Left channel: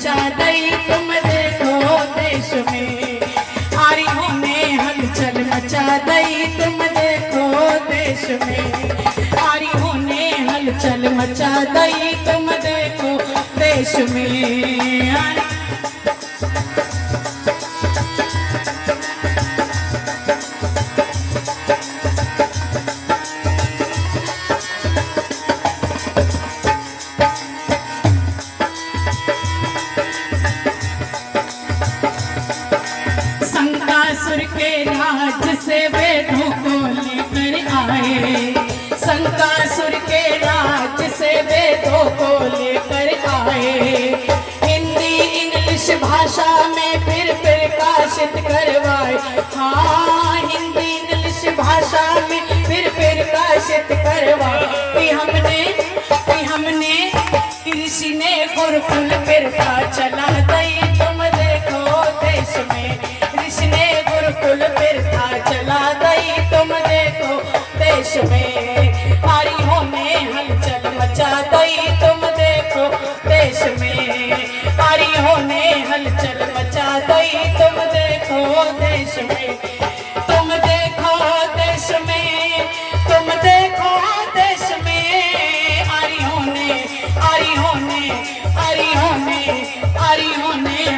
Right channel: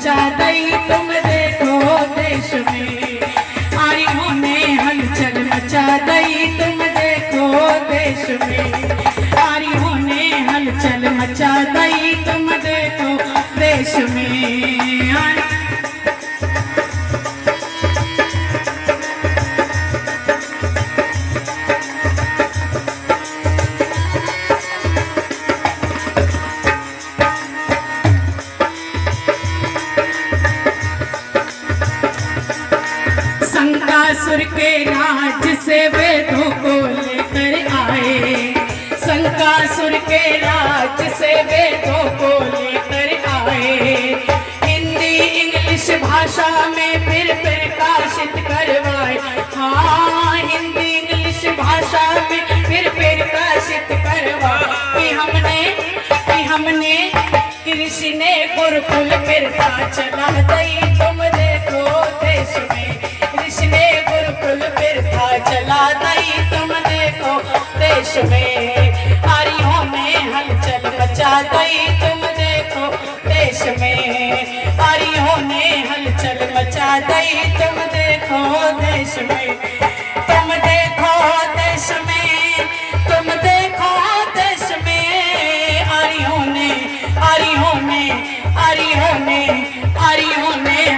मचा दई तुम देखो देश में, आरियों ने हलचल मचा दई तुम देखो देश में, आरियों ने हलचल मचा दई तुम देखो देश में। शंकासुर के राज से वेदों को लेकर आए, शंकासुर के राज से वेदों को लेकर आए, हिंदी इंग्लिश भाषा में फिर प्रकाशित करवाए, हाँ हिंदी इंग्लिश भाषा में फिर प्रकाशित करवाए, कि हमने कृषि ने गुरुकुल फिरता चला दई तुम देखो देश में, कृषि ने गुरुकुल फिरता चला दई तुम देखो देश में, आरियों में हलचल मचा दई तुम देखो देश में, आरियों ने हलचल मचा दई तुम देखो देश में, तुम देखो देश में, तुम देखो देश में, आरियों ने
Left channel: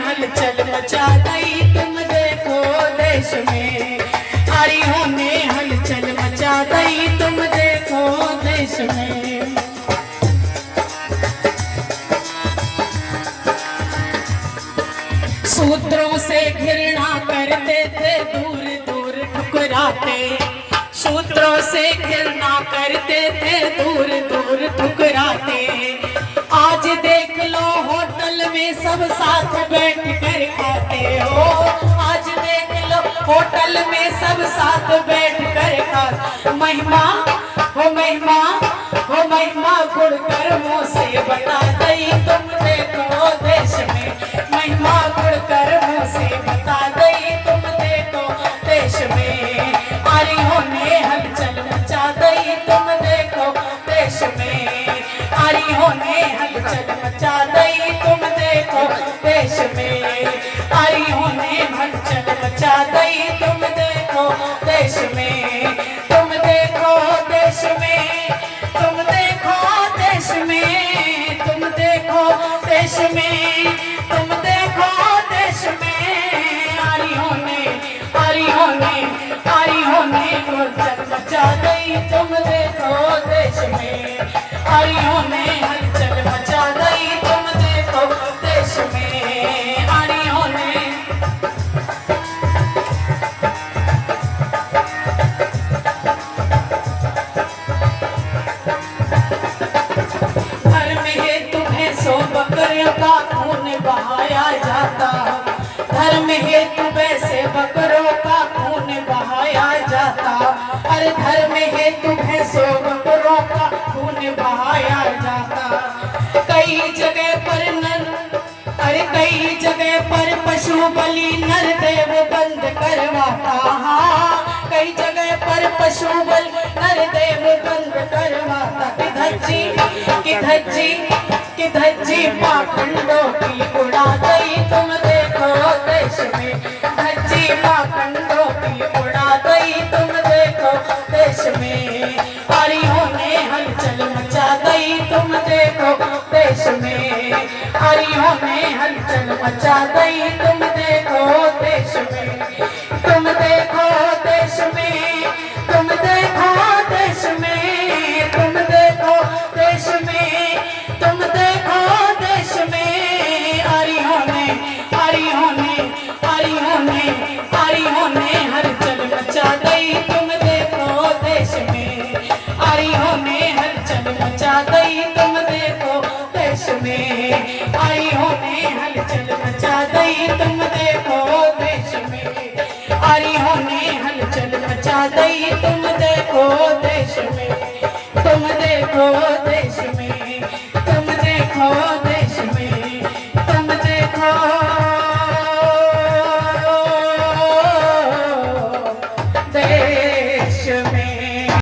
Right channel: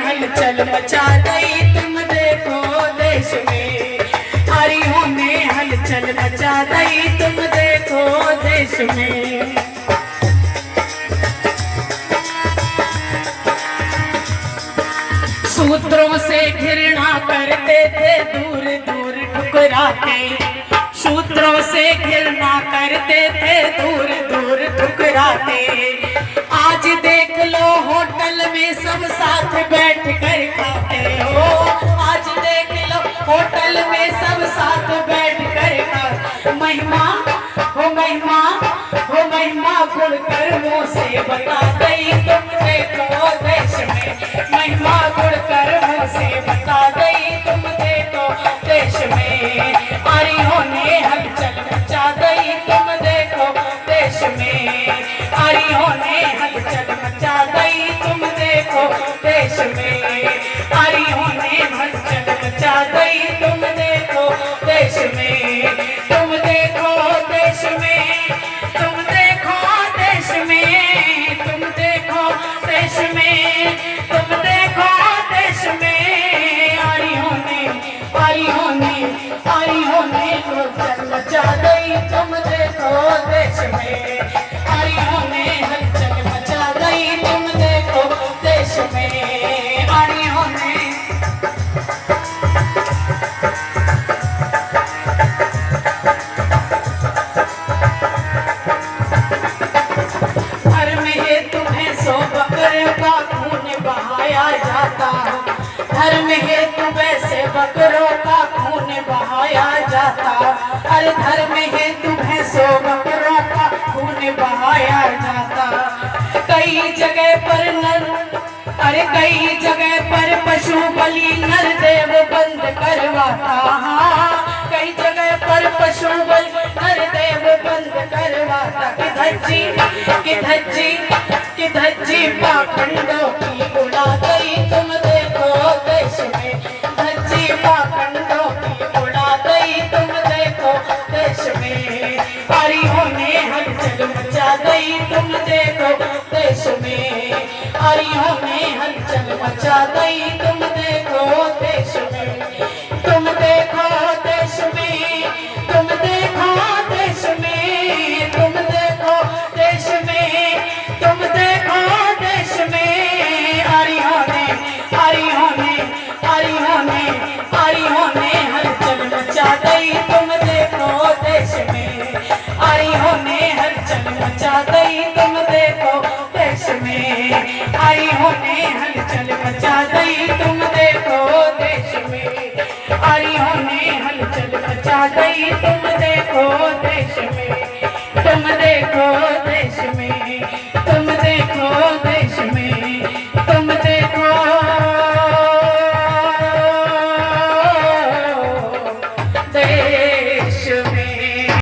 हलचल मचा दई तुम देखो देश में, आरियों ने हलचल मचा दई तुम देखो देश में। सूत्रों से घृणा करते थे दूर दूर ठुकराते, सूत्रों से घृणा करते थे दूर दूर ठुकराते, आज देख लो होटल में सब साथ बैठ कर खाते हो, आज देख लो होटल में सब साथ बैठ कर खाते, महिमा हो महिमा हो महिमा गुण कर्मों से बता दई तुम देखो देश में, महिमा गुण कर्मों से बता दई तुम देखो देश में, आरियों ने हलचल मचा दई तुम देखो देश में, आरियों ने हलचल मचा दई तुम देखो देश में, आरियों ने हलचल मचा दई तुम देखो देश में, तुम देखो देश में, तुम देखो देश में, तुम देखो देश में, तुम देखो देश में, आरियों ने हलचल मचा दई तुम देखो देश में, आरियों ने हलचल मचा दई तुम देखो देश में, आरियों ने धर्म हेतु भैंसों बकरों का खून बहाया जाता, धर्म हेतु वैसे बकरों का खून बहाया जाता, अरे धर्म हेतु भैंसों बकरों का खून बहाया जाता, कई जगह पर कई जगह पर पशु बलि नर देव बंद करवाता, हाँ कई जगह पर पशु बलि नर देव बंद करवाता, कि धज्जी पाखंडों की उड़ा गई तुम देखो देश में, धज्जी पाखंडों की उड़ा गई तुम देखो देश में, आरियों ने हलचल मचा गई तुम देखो देश में, आरियों ने हलचल मचा गई तुम देखो देश में, तुम देखो देश में, तुम देखो देश में, तुम देखो देश में, तुम देखो देश में, आरियों ने हलचल मचा गई तुम देखो देश में, आरियों ने हलचल मचा गई तुम देखो देश में, आरियों ने हलचल मचा गई तुम देखो देश में, आरियों ने हलचल मचा गई तुम देखो देश में, तुम देखो